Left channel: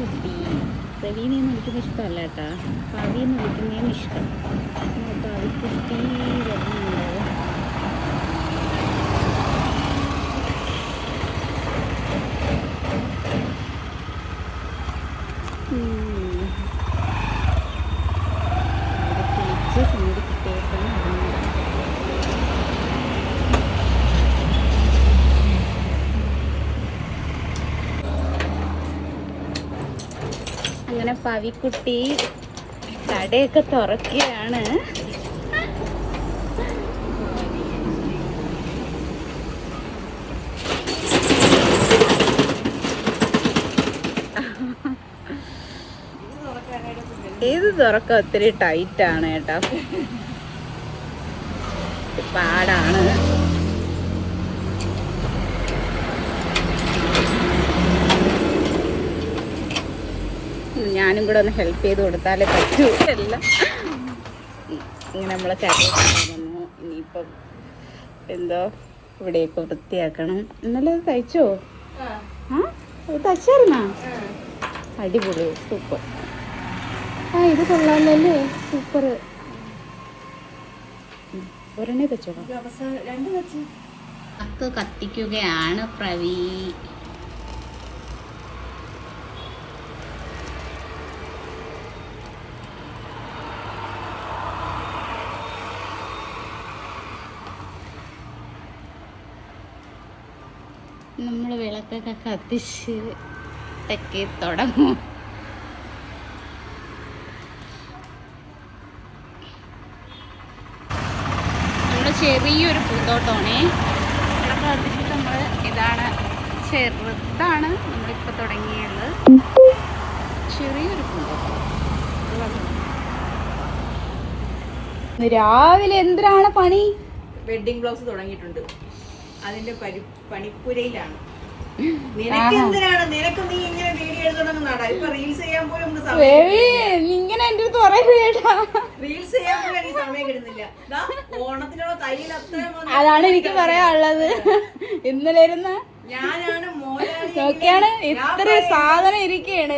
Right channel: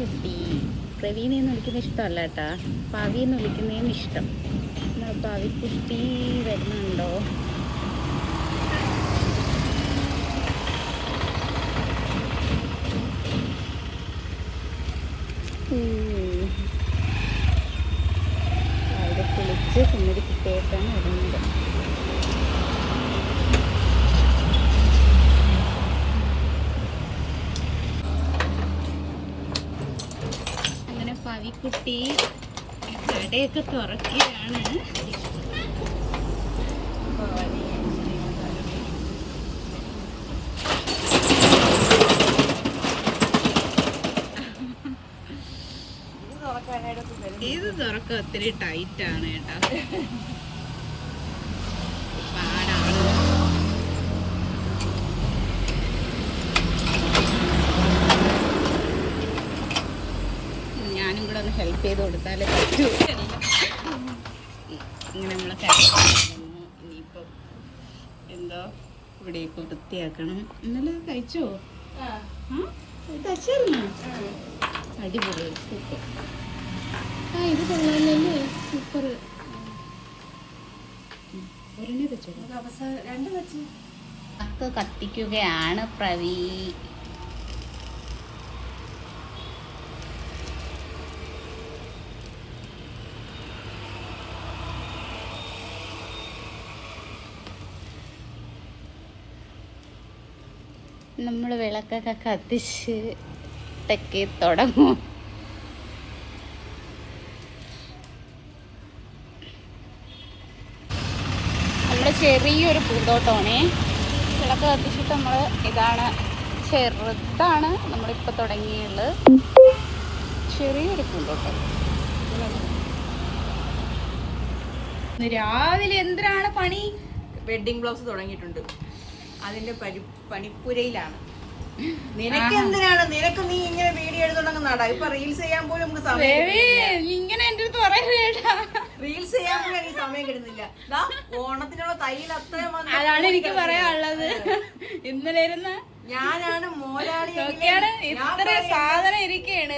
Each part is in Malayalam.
കുട്ടി. പ്രവീണെന്ന് വിളിക്കുന്ന ഇഷ്ടമല്ല കേട്ടാ, പവിന്ന് വിളിക്കുന്നതാണ് ഇഷ്ടം. പവിക്കുട്ടി വരുന്നുണ്ടോ? കുളിച്ച് സുന്ദരി കുട്ടിയായിട്ടാണ് വരുന്നത്. അങ്ങനെ പവിക്കുട്ടി കടയൊക്കെ തുറക്കുകയാണ്. ഇത് തുറക്കം ഒത്തിരി ടൈറ്റാണ് കേട്ടോ, പാടാണ്. ഞാനും കൂടെ ഒന്ന് ഹെൽപ്പ് ചെയ്ത് കൊടുത്താലേ പറ്റൂല്ല. ഇങ്ങനെ നമ്മളെ കഴിക്കുന്നു. ഇനിയിപ്പം എന്തോ ഇവിടെയൊക്കെ വൃത്തിയാക്കണം. ഇന്നലെ തയ്ച്ചോ? ഇത് തയ്ച്ചായിരുന്നാ? അടിപൊളി, സൂപ്പർ. ഇത് കൊള്ളാമല്ലേ, സൂപ്പർ. ഒരെണ്ണേ തച്ചോ? അക്ക് കത്തിക്കുകയാണ് പ്രവീ. നമ്മൾ വിളക്കൊക്കെ കത്തിച്ച് തെക്കി തുടങ്ങും. ഇവിടെ ചെറിയൊരു പൂന്തോട്ടമാണ്. വിളക്ക് കത്തിച്ചിട്ട് നമ്മൾ ഇതാണ്, ചെറുതാണ് നമ്മളിപ്പോൾ തുടങ്ങിയത്. ചെറിയൊരു പൂന്തോട്ടം. രാവിലെ എന്തിനാണ് പണി? വെഡിങ് ബ്ലൗസ് തുടങ്ങിയിട്ടുണ്ട്, അതിന്റെ പണിപ്പുരയിലാണ്. നിനക്ക് എന്തിനാണ്? നിനക്ക് നീ ഇങ്ങനെ വീഡിയോ എടുത്തോണ്ടാ ഇപ്പൊ റീൽസ് ചെയ്യാൻ പോലും ഇങ്ങനെ എന്റെ അടുത്ത് പറയല്ലേടാ. റീൽസ് ചെയ്യാൻ പോലും എനിക്ക് സമയം കിട്ടുന്നില്ല. ഓണത്തിനുള്ള തയ്യൽ അത്രയും അതാണ് എനിക്ക് പറയാനുള്ളത്. ഇന്നലെ ഇരുന്ന് ഞാനാണ് മോനാണ് ഇത്ര സാധനം ഇരിക്കുകയാണ്,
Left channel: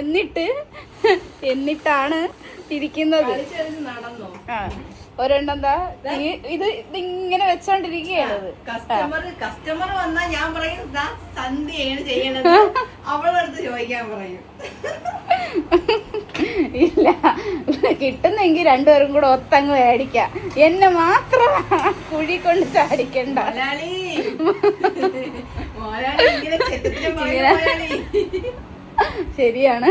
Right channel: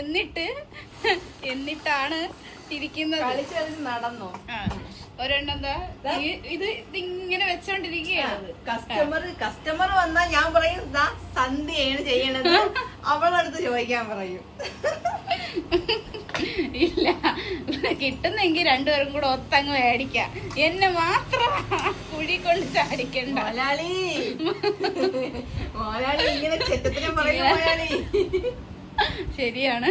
എന്നിട്ടാണ് ഇരിക്കുന്നത്. നടന്നോ? ഒരെണ്ണം എന്താ ഇത് ഇങ്ങനെ വെച്ചോണ്ടിരിക്കുകയാണ്. കസ്റ്റമർ വന്നാ ഞാൻ പറയും സന്ധ്യയാണ് ചെയ്യണത്, അവളടുത്ത് ചോദിക്കാൻ പറയും. ഇല്ല, കിട്ടുന്നെങ്കിൽ രണ്ടുപേരും കൂടെ ഒത്തങ്ങ് മേടിക്കാം. എന്നെ മാത്രം കുഴി കൊണ്ട് ചാടിക്കണ്ട. ശരിയാണ്,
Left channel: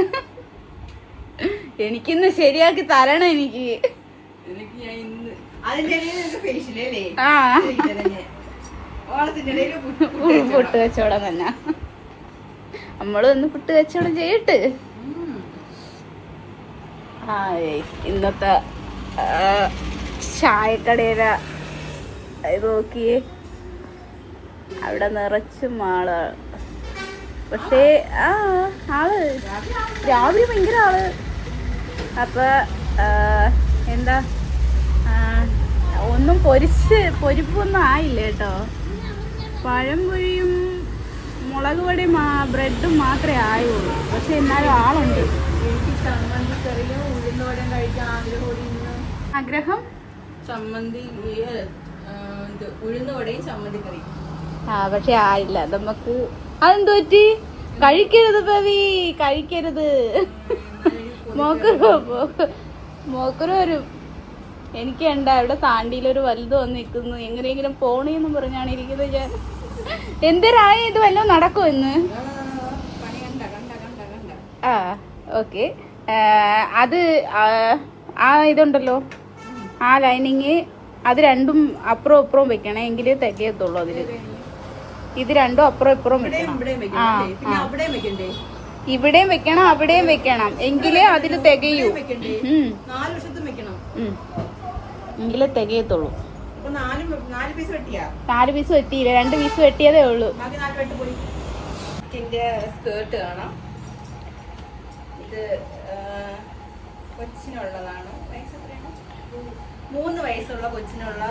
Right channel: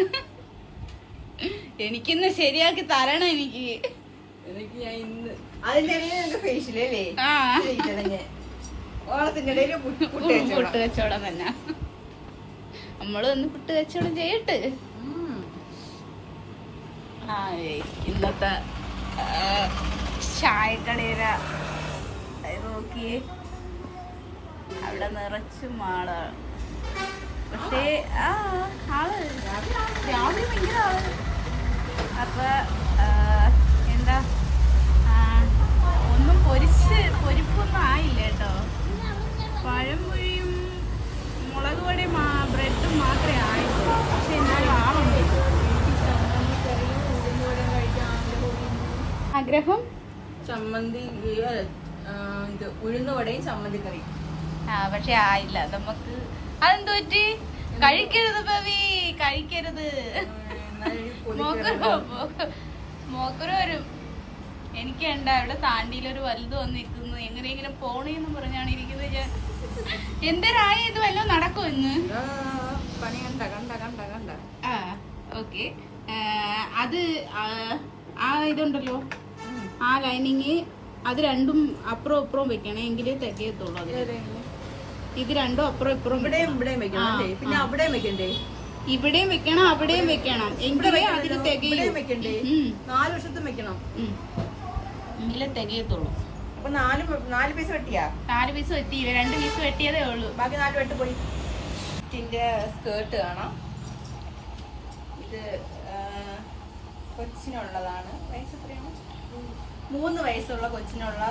എനിക്കിന്ന് ശരിയാക്കി തരണം. എനിക്ക് പുട്ട് കച്ചവടം തന്നെ. നമ്മള് ഒന്ന് പുട്ട് കച്ചവടം ചെയ്യട്ട്. ഇന്നത്തെ ചായക്കടയില ഇത് നോക്കിയേ, അവിടെ നിറച്ചും ആളാണ്. പക്ഷേ ആള് രാവിലെ ഭയങ്കര ആള്. അപ്പൊ എന്താ ഒന്നും പൊരിപ്പൊന്നും ആയില്ല കേട്ടോ. പഴംപൊരിയും മുളക് പൊടിയും ബ്രെഡും മാത്രമേ ആയുള്ളൂ. പക്ഷെ എന്നാലും ആളുണ്ട്. എനിക്ക് ചമ്മന്തിക്കറിയും ഉഴുന്നുവടയും കഴിക്കാൻ ആഗ്രഹം. ചമ്മന്തി ഇത് ഉഴുന്നുവടയും ചമ്മന്തിക്കറിയും. പക്ഷെ ആയില്ല നമുക്ക്. അതെന്തു പറ്റി? കഴിക്കരുത് പവി, കഴിക്കരുത്. മോക്കറ് വരും. എനിക്ക് ഉണ്ടാ ഇവിടെ താണ്ടിയിലൊരു വലുത് വന്ന് നിൽക്കുന്നു. എങ്ങനെയെങ്കിലും പോണേന്ന് പറഞ്ഞാണ് ഇരിക്കുന്നത് ഞാൻ. എന്തരായ ഇത് വല്ലതും നടക്കും ഇന്ന്? ഓക്കെ. അത് ഇതുണ്ടല്ലോ, ആ ലൈനിങ് അത് രണ്ടും അപ്പുറവും ഇപ്പുറവും വെക്കണം, എങ്കിലേ തികയത്തുള്ളൂ. അതില് ഇത് രണ്ടും അപ്പുറം ഇപ്പുറം വെക്കണം. ഇവിടെയും വെക്കണം, അവിടെയും വെക്കണം, എങ്കിലേ അതിൽ തികയൂ. 4 വശത്തും വെക്കണം, എങ്കിലേ തികയത്തുള്ളൂ. 4 പീസ് വെട്ടിയാ? 4 പീസ് വെട്ടിയില്ല, 2 പീസ് വെട്ടിയതേ ഉള്ളൂ. ബാക്കി 4 വെട്ട് പോയി. സ്കേർട്ട് കാണാം. ഇത് കൊച്ചിനുള്ളതാണ്. 3 വയസ്സുള്ള കൊച്ചിനുള്ള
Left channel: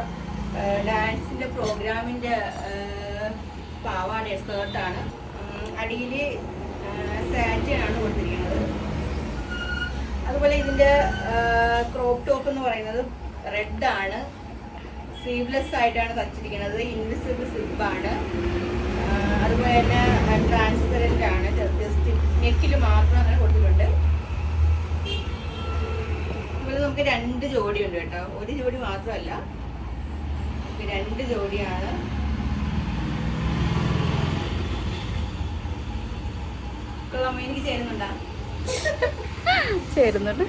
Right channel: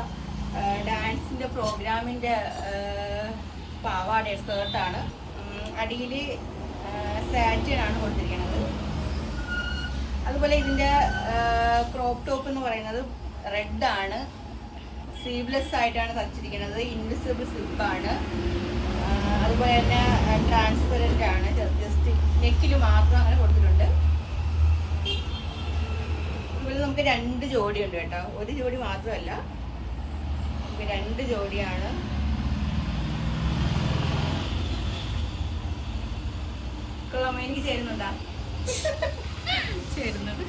ഡാൻസിന്റെ പ്രോഗ്രാമിന്റെ പാവാട സ്കേർട്ടാണ്. അടിയിൽ സാൻറ്റിനാണ് കൊടുത്തിരിക്കുന്നത്. അതുപോലെ ഇതിന്റെ ക്രോപ്പ് ടോപ്പ് എന്ന് പറയുന്നത് റെഡ് ആണ്, സ്ലീവ്ലെസ് ആയിട്ടാണ് തച്ചിരിക്കുന്നത്, ഇൻവിസിബിൾ സ്ലിപ്പ് ആണ്, അതുപോലെ തന്നെ ട്രാൻസ്പെറന്റ് ആണ്, ജസ്റ്റ് നെക്കിൽ മാത്രം അങ്ങനെ കൊടുത്തിട്ടുണ്ട്. അതുപോലെ നമുക്ക് 2 ജോഡിയുണ്ട് കേട്ടോ, ഒരു ജോഡി മാത്രമല്ല, 2 ജോഡിയാണ്. കൊള്ളാമോ? എനിക്ക് ചേരുന്നുണ്ടോ? ചേരുന്നുണ്ട്.